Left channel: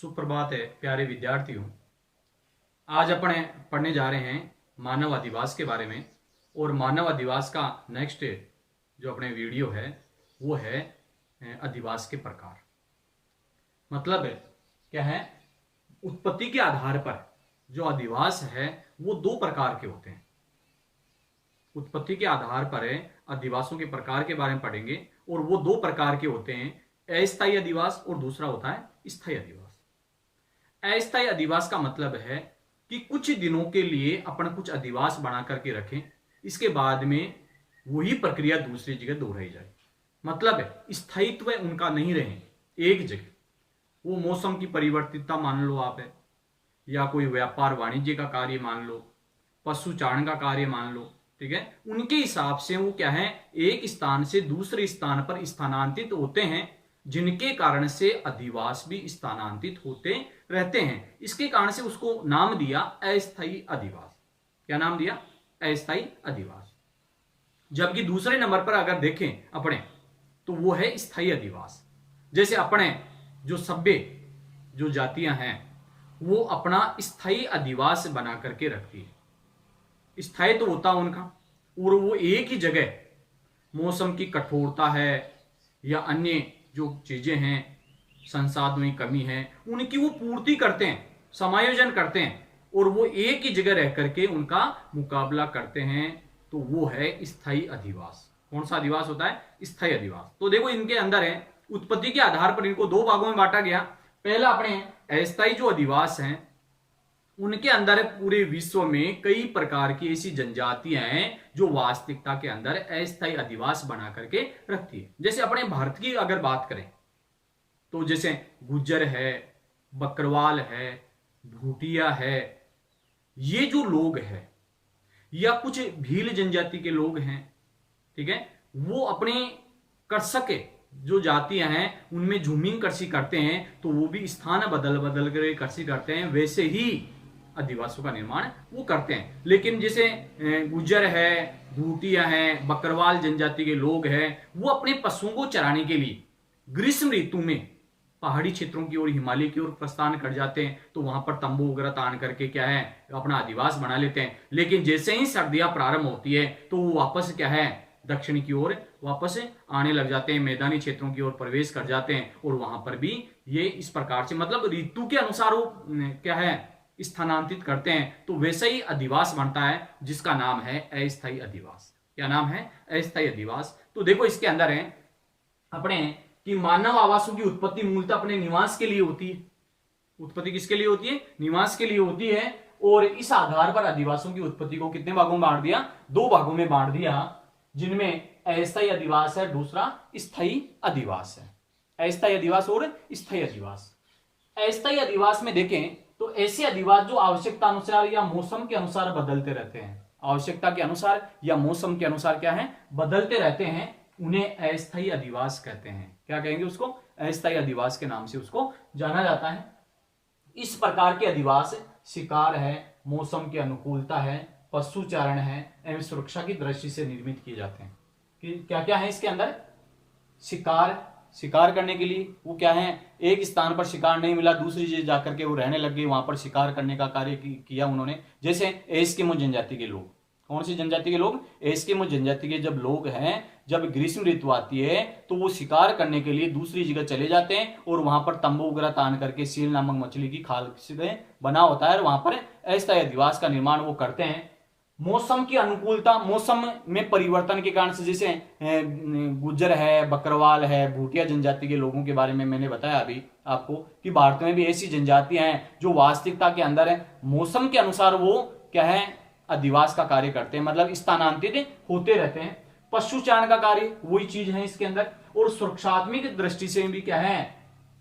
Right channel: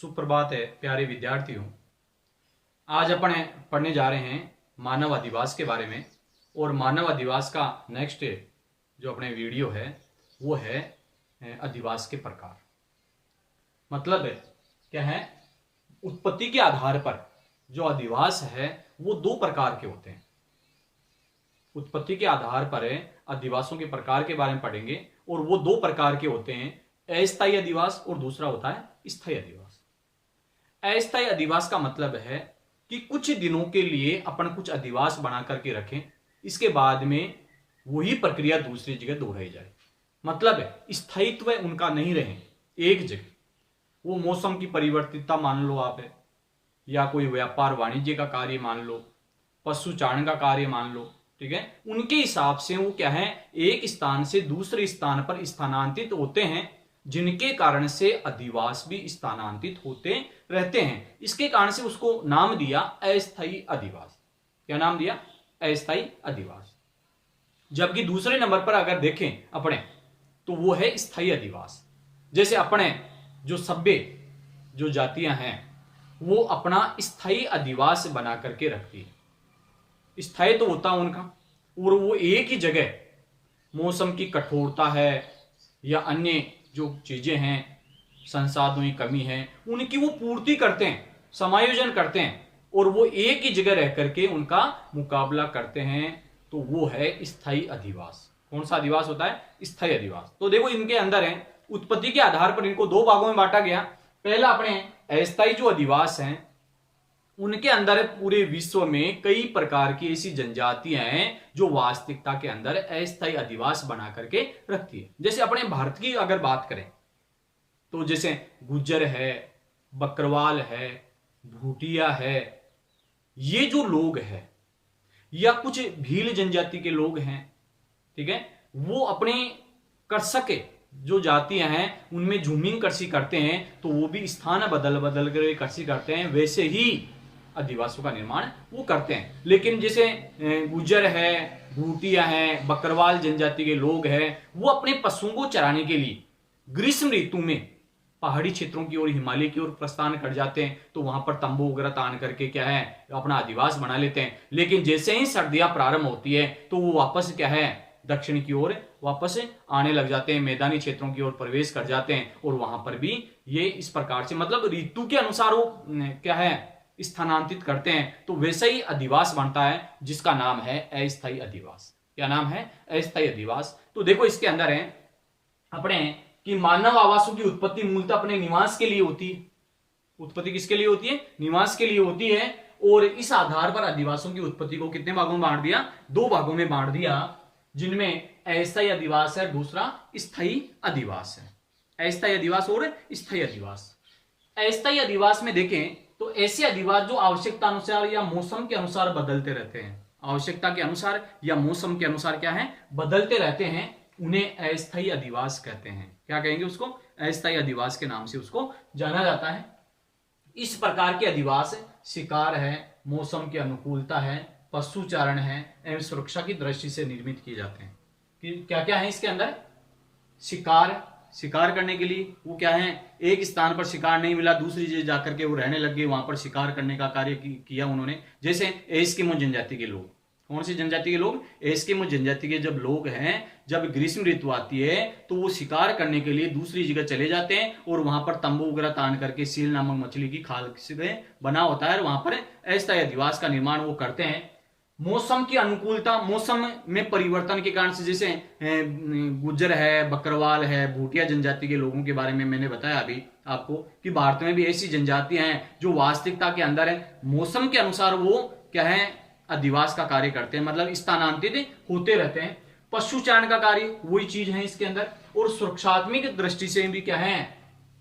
सुप्रभात है प्यारे विद्यार्थियों। आज अपन पढ़ने जा रहे हैं मानव अधिवास के बारे में। और मानव अधिवास का नेक्स्ट जो अपने वीडियो है वो है अधिवास के प्रकार। मतलब क्या है, उत्पत्ति के आधार पर जो अधिवास है वो दो प्रकार के होते हैं। उत्पत्ति के आधार पर अधिवासों के प्रकार के बारे में पढ़ेंगे और वो दो प्रकार के होते हैं, अस्थायी अधिवास और दूसरा होता है स्थायी अधिवास। अस्थायी अधिवास का मतलब है कि कुछ दिनों के लिए अपन कुछ अधिवास बना करके रखें, इसके बाद में वही प्रक्रिया दूसरी जगह दोहराई जाए। मतलब स्थायित्व उनका नहीं रहे एक जगह। वो मौसम की परिवर्तितता मान लो आप है, या कोई व्यापार वाणिज्य का कार्य मान लो, पशुचारण का कार्य मान लो, ठीक है। उनके हिसाब से वो क्या है, एक स्थान से दूसरे स्थान पर स्थानांतरित होते हैं, जिनके कारण से अधिवास भी स्थानांतरित होते रहते हैं। इसके कारण से उसको नाम दिया अस्थायी अधिवास। क्या नाम दिया? अस्थायी अधिवास। जबकि दूसरे नंबर पर अगर देखें अपने तो वो है स्थायी अधिवास। जैसे अपने जो सभ्य जो जातियां हैं वो अपना स्थायी अधिवास बना करके रखती है। स्थायी तो होता उनका, और वो एक ही जगह मौसम की कठोरता है या अन्य जो चीजें हैं, संसाधनों की कमी है, उनकी वो पूर्ति करते हैं, समायोजन करते हैं, और वो एक ही जगह रह करके उनका मुकाबला करते हैं। तो वो है स्थायी अधिवास। कौन सा अधिवास होता है? स्थायी अधिवास। तो देखो इनके अंदर है, उत्पत्ति के आधार पर इनको दो भागों में बांटा गया। पहला अपने अस्थायी जो अधिवास हैं, उनके अंदर पूरे विश्व में कई प्रकार की ऐसी जनजातियां हैं जो वास्तविकता के अंदर अस्थायी अधिवास बना करके रखती है। जैसे अपने भारत की अगर बात करें तो जैसे गुज्जर है, बकरवाल है, भूटिया है, ये जो लोग हैं, या कुछ भील जनजाति के लोग हैं, ठीक है, वो अपने कृषक जो जातियां हैं उनमें झूमिंग कृषि करते हैं, तो वो भी स्थान बदल बदल कर कृषि करते हैं, वैसे ही अधिवासों का निर्माण वो करते हैं। लेकिन जैसे गुज्जर है, भूटिया है, बकरवाल जनजाति के लोग हैं, वो अपने पशुओं को चराने के लिए ग्रीष्म ऋतु में पहाड़ी क्षेत्रों की ओर, हिमालय की ओर प्रस्थान कर जाते हैं। तो वहां पर तंबू वगैरह तान करके क्या है, अपना अधिवास बना लेते हैं। लेकिन जैसे ही सर्दियां प्रारंभ होती है तो वो वापस क्या है, दक्षिण की ओर वापस आने लग जाते हैं, मैदानी क्षेत्रों की ओर प्रवेश कर जाते हैं। और वहां पर भी ये इस प्रकार से, मतलब ऋतु के अनुसार वो क्या है, स्थानांतरित करते हैं। तो वैसा ही अधिवास बनता है जिसका नाम है अस्थायी अधिवास। क्या नाम है? अस्थायी अधिवास। तो देखो इसके अंदर है अपने कि मानव आवासों की उत्पत्ति मूलतः अपने निवास के लिए होती है। उत्पत्ति किसके लिए होती है? निवास के लिए होती है। और इस आधार पर अधिवासों की उत्पत्ति को कितने भागों में बांट दिया? दो भागों में बांट दिया, जिनमें अस्थायी अधिवास है, दूसरा स्थायी अधिवास है। अस्थायी अधिवास और स्थायी अधिवास। अस्थायी अधिवास में देखें तो ऐसे अधिवास जो आवश्यकता अनुसार या मौसम के अनुसार बदलते रहते हैं। आवश्यकता के अनुसार या मौसम के अनुसार क्या है, बदलते रहते हैं, उन्हें अस्थायी अधिवास कहते हैं। क्या कहेंगे उसको? अस्थायी अधिवास के नाम से उसको जाना जाता है। इस प्रकार के अधिवास शिकार है, मौसम की अनुकूलता है, पशुचारण है एवं सुरक्षा की दृष्टि से निर्मित किए जाते हैं। कि क्या क्या है इसके अंदर? शिकार करने के लिए वो क्या है, एक स्थान पर शिकार नहीं मिला, दूसरी जगह जाकर के वो रहने लग गए, वहां पर शिकार करने का कार्य किया उन्होंने। जैसे एस्किमो जनजाति के लोग। कौन सी जनजाति के लोग? एस्किमो जनजाति के जब लोग हैं, जब ग्रीष्म ऋतु आती है तो वो शिकार करने के लिए दूसरी जगह चले जाते हैं, और वहां पर तंबू वगैरह तान करके सील नामक मछली की खाल से बना होता है, और वहां पर अस्थायी अधिवास का निर्माण वो करते हैं। मौसम की अनुकूलता, मौसम में परिवर्तन के कारण से, जैसे गुज्जर है, बकरवाल है, भूटिया जनजाति के लोगों के बारे में मैंने बताया अभी आपको कि भारत में भी ऐसी जनजातियां हैं जो वास्तविकता के अंदर है, मौसम के अनुसार वो क्या है, अधिवास का कार्य करते हैं, मतलब स्थानांतरित होते रहते हैं। पशुचारण का कार्य वही चीज है इसके अंदर, और सुरक्षात्मक दृष्टि से भी क्या है,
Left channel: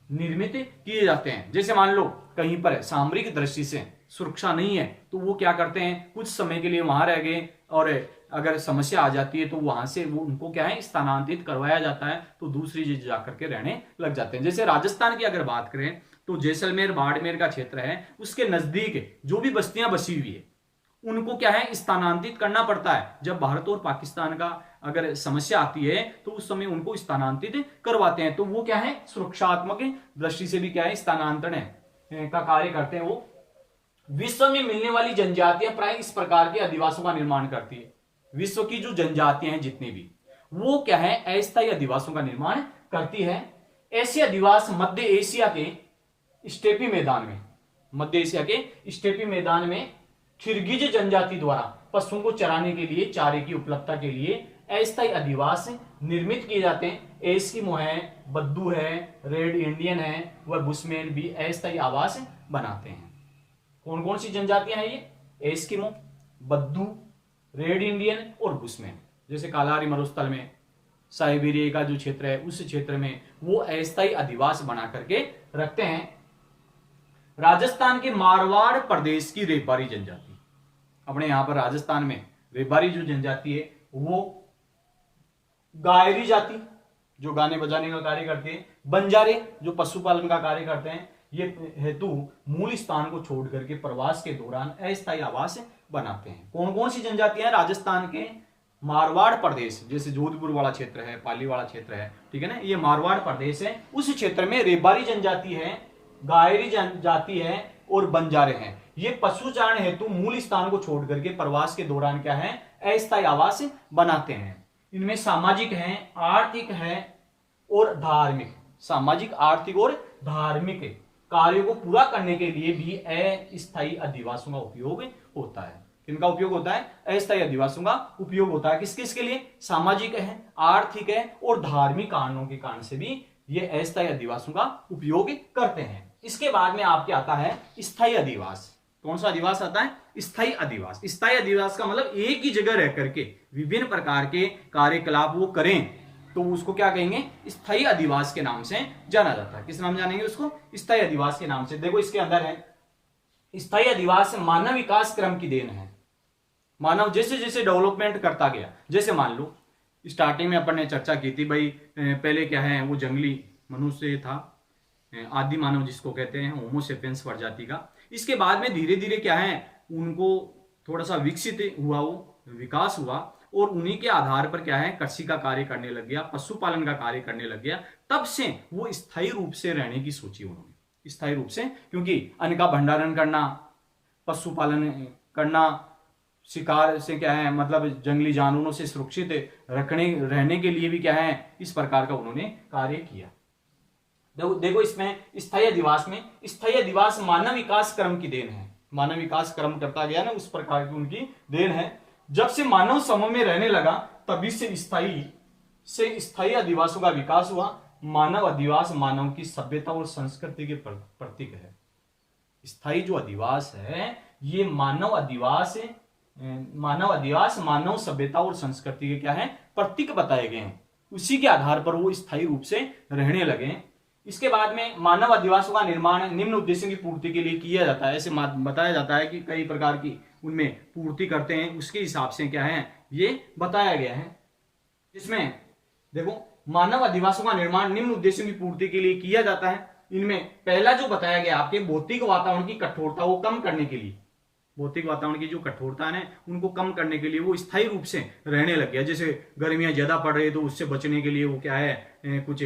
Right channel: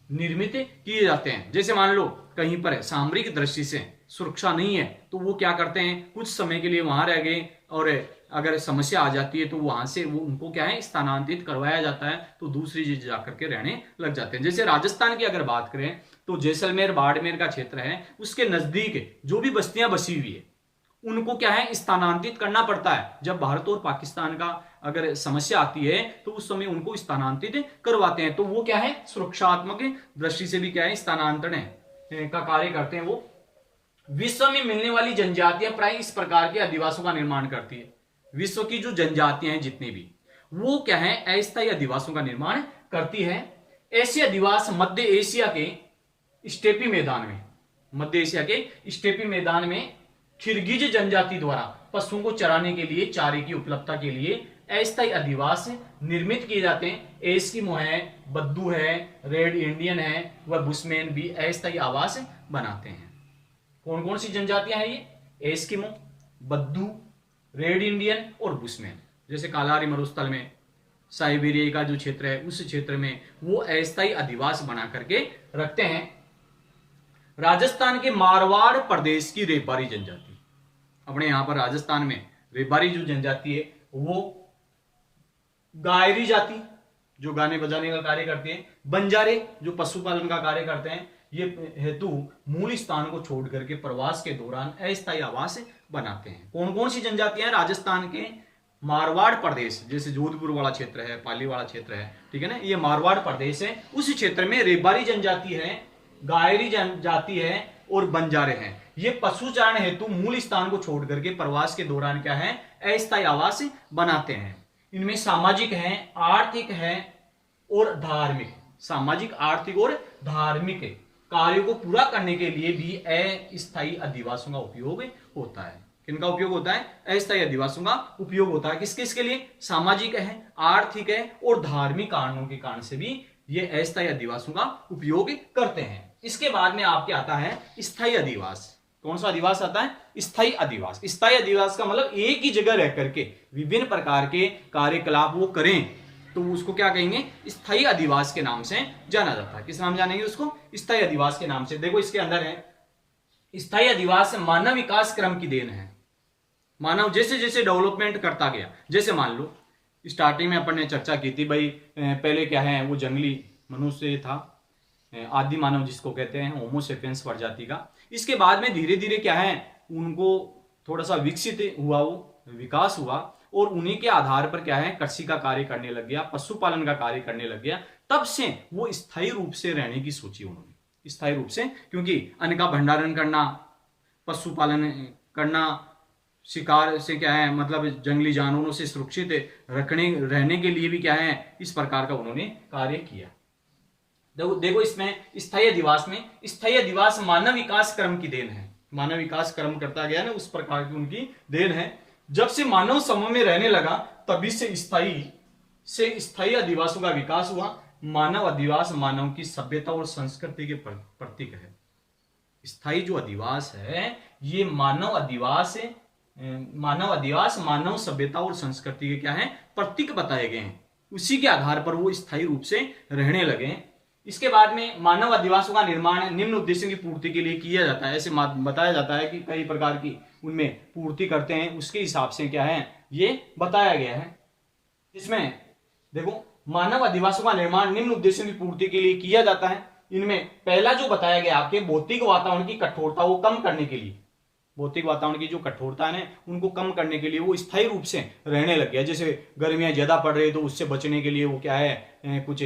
निर्मित किए जाते हैं। जैसे मान लो कहीं पर सामरिक दृष्टि से सुरक्षा नहीं है तो वो क्या करते हैं, कुछ समय के लिए वहां रह गए, और अगर समस्या आ जाती है तो वहां से वो उनको क्या है, स्थानांतरित करवाया जाता है, तो दूसरी जगह जाकर के रहने लग जाते हैं। जैसे राजस्थान की अगर बात करें तो जैसलमेर बाड़मेर का क्षेत्र है, उसके नजदीक जो भी बस्तियां बसी हुई है उनको क्या है, स्थानांतरित करना पड़ता है। जब भारत और पाकिस्तान का अगर समस्या आती है तो उस समय उनको स्थानांतरित करवाते हैं। तो वो क्या है, सुरक्षात्मक दृष्टि से भी क्या है, स्थानांतरण है। का कार्य करते हैं, वो विश्व में मिलने वाली जनजातियां प्राय इस प्रकार के अधिवासों का निर्माण करती है। विश्व की जो जनजातियां हैं जितनी भी, वो क्या है, अस्थायी अधिवासों का निर्माण करती है। ऐसे अधिवास मध्य एशिया के स्टेपी मैदान में, मध्य एशिया के स्टेपी मैदान में किर्गिज जनजाति द्वारा पशुओं को चराने के लिए, चारे की उपलब्धता के लिए अस्थायी अधिवास निर्मित किए जाते हैं। एस्किमो है, बद्दू है, रेड इंडियन है, वह बुशमैन भी अस्थायी आवास बनाते हैं। कौन कौन सी जनजातियां हैं ये? एस्किमो, बद्दू, रेड इंडियन और बुशमैन। जैसे कालाहारी मरुस्थल में साइबेरिया का जो क्षेत्र है, उस क्षेत्र में वो अस्थायी अधिवास बना करके रखते हैं। राजस्थान के मारवाड़ प्रदेश की रेबारी जनजाति, अपने यहां पर राजस्थान में रेबारी जो जनजाति है, वो गायरी जाति जो गाने बजाने का कार्य करते हैं, बंजारे जो पशुपालन का कार्य करते हैं, ये हेतु मूल स्थान को छोड़ करके प्रवास के दौरान अस्थायी आवास बनाते हैं। कौन कौन सी जनजातियां? राजस्थान के मारवाड़ प्रदेश, जैसे जोधपुर वाला क्षेत्र है, पाली वाला क्षेत्र है, ठीक है ना, ये मारवाड़ प्रदेश है। उस क्षेत्र में रेबारी जनजाति है, गायरी जनजाति है और बंजारे हैं। ये पशुचारण हेतु मूल स्थान को छोड़ करके प्रवास के दौरान क्या है, अस्थायी आवास बनाते हैं। इनमें सामाजिक है, आर्थिक है और धार्मिक, सामाजिक, आर्थिक और धार्मिक कार्यों को पूरा करने के लिए भी अस्थायी अधिवासों का उपयोग होता है। किनका उपयोग होता है? अस्थायी अधिवासों का उपयोग होता है। किस किसके लिए? सामाजिक है, आर्थिक है और धार्मिक कारणों के कारण से भी ये अस्थायी अधिवासों का उपयोग करते हैं। इसके बाद में आपके आता है स्थायी अधिवास। कौन सा अधिवास आता है? स्थायी अधिवास। स्थायी अधिवास का मतलब एक ही जगह रह करके विभिन्न प्रकार के कार्यकलाप वो करें, तो उसको क्या कहेंगे? स्थायी अधिवास के नाम से जाना जाता है। किस नाम जानेंगे उसको? स्थायी अधिवास के नाम से। देखो इसके अंदर है, स्थायी अधिवास मानव विकास क्रम की देन है। मानव जैसे जैसे डेवलपमेंट करता गया, जैसे मान लो स्टार्टिंग में अपन ने चर्चा की थी भाई, पहले क्या है, वो जंगली मनुष्य था, आदि मानव जिसको कहते हैं, होमो सेपियंस प्रजाति का। इसके बाद में धीरे धीरे क्या है, उनको थोड़ा सा विकसित हुआ, वो विकास हुआ और उन्हीं के आधार पर क्या है, कृषि का कार्य करने लग गया, पशुपालन का कार्य करने लग गया। तब से वो स्थायी रूप से रहने की सोची उन्होंने, स्थायी रूप से, क्योंकि अन्न का भंडारण करना, पशुपालन करना, शिकार से क्या है, मतलब जंगली जानवरों से सुरक्षित रहने के लिए भी क्या है, इस प्रकार का उन्होंने कार्य किया। देखो इसमें स्थायी अधिवास में, स्थायी अधिवास मानव विकास क्रम की देन है। मानव विकास क्रम करता गया ना, उस प्रकार की उनकी देन है। जब से मानव समूह में रहने लगा तभी से स्थायी अधिवासों का विकास हुआ। मानव अधिवास मानव की सभ्यता और संस्कृति के प्रतीक है। स्थायी जो अधिवास है, ये मानव अधिवास मानव सभ्यता और संस्कृति के क्या है, प्रतीक बताए गए हैं। उसी के आधार पर वो स्थायी रूप से रहने लगे। इसके बाद में मानव अधिवासों का निर्माण निम्न उद्देश्यों की पूर्ति के लिए किया जाता है। ऐसे बताया जाता है कि कई प्रकार की उनमें पूर्ति करते हैं, उसके हिसाब से क्या है ये बताया गया है। इसमें देखो, मानव अधिवासों का निर्माण निम्न उद्देश्यों की पूर्ति के लिए किया जाता है। इनमें पहला जो बताया गया आपके, भौतिक वातावरण की कठोरता को कम करने के लिए, भौतिक वातावरण की जो कठोरता है उनको कम करने के लिए वो स्थायी रूप से रहने लग गया। जैसे गर्मियां ज्यादा पड़ रही तो उससे बचने के लिए वो क्या है, कुछ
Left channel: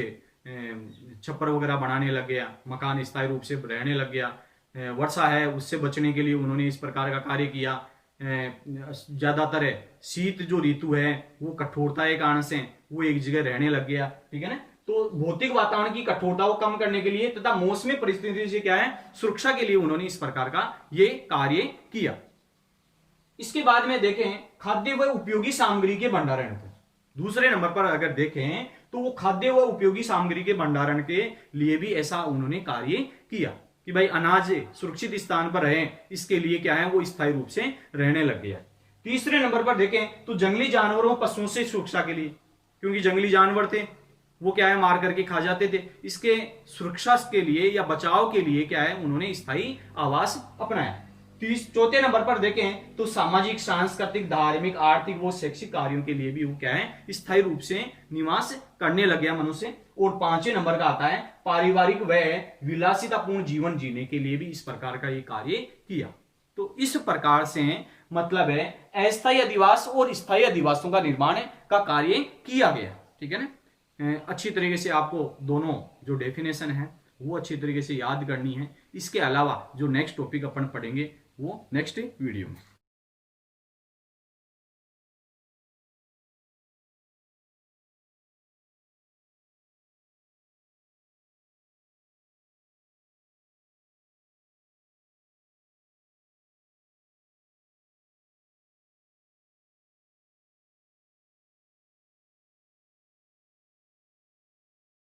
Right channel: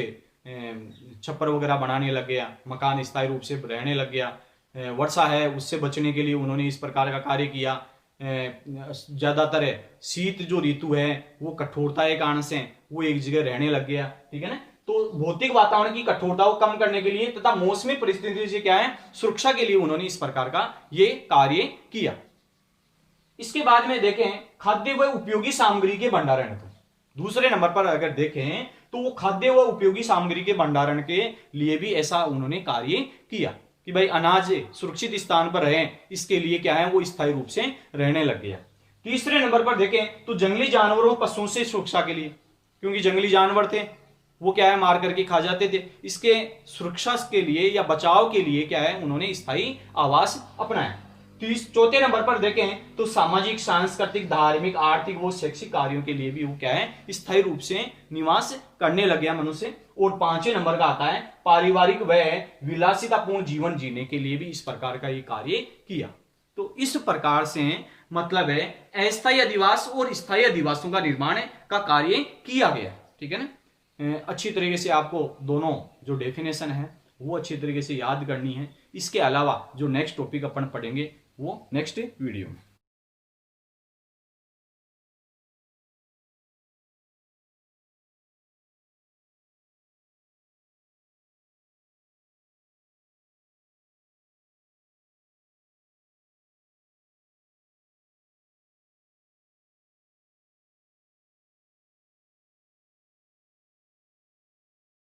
छप्पर वगैरह बनाने लग गया, मकान स्थायी रूप से रहने लग गया। वर्षा है उससे बचने के लिए उन्होंने इस प्रकार का कार्य किया। ज्यादातर शीत जो ऋतु है वो कठोरता के कारण से वो एक जगह रहने लग गया, ठीक है ना। तो भौतिक वातावरण की कठोरता को कम करने के लिए तथा मौसमी परिस्थिति से क्या है, सुरक्षा के लिए उन्होंने इस प्रकार का ये कार्य किया। इसके बाद में देखें खाद्य व उपयोगी सामग्री के भंडारण को, दूसरे नंबर पर अगर देखें तो वो खाद्य व उपयोगी सामग्री के भंडारण के लिए भी ऐसा उन्होंने कार्य किया कि भाई अनाज सुरक्षित स्थान पर रहे, इसके लिए क्या है वो स्थायी रूप से रहने लग गया। तीसरे नंबर पर देखें तो जंगली जानवरों पशुओं से सुरक्षा के लिए, क्योंकि जंगली जानवर थे वो क्या है मार करके खा जाते थे, इसके सुरक्षा के लिए या बचाव के लिए क्या है उन्होंने स्थायी आवास अपनाया। चौथे नंबर पर देखें तो सामाजिक, सांस्कृतिक, धार्मिक, आर्थिक व शैक्षिक कार्यों के लिए भी वो क्या है स्थायी रूप से निवास करने लग गया मनुष्य। और पांचवें नंबर का आता है पारिवारिक व विलासितापूर्ण जीवन जीने के लिए भी इस प्रकार का ये कार्य किया। तो इस प्रकार से मतलब है अस्थायी अधिवास और स्थायी अधिवासों का निर्माण का कार्य किया गया, ठीक है ना। अच्छी तरीके से आपको दोनों जो डेफिनेशन है वो अच्छी तरीके से याद करनी है। इसके अलावा जो नेक्स्ट टॉपिक अपन पढ़ेंगे वो नेक्स्ट वीडियो में।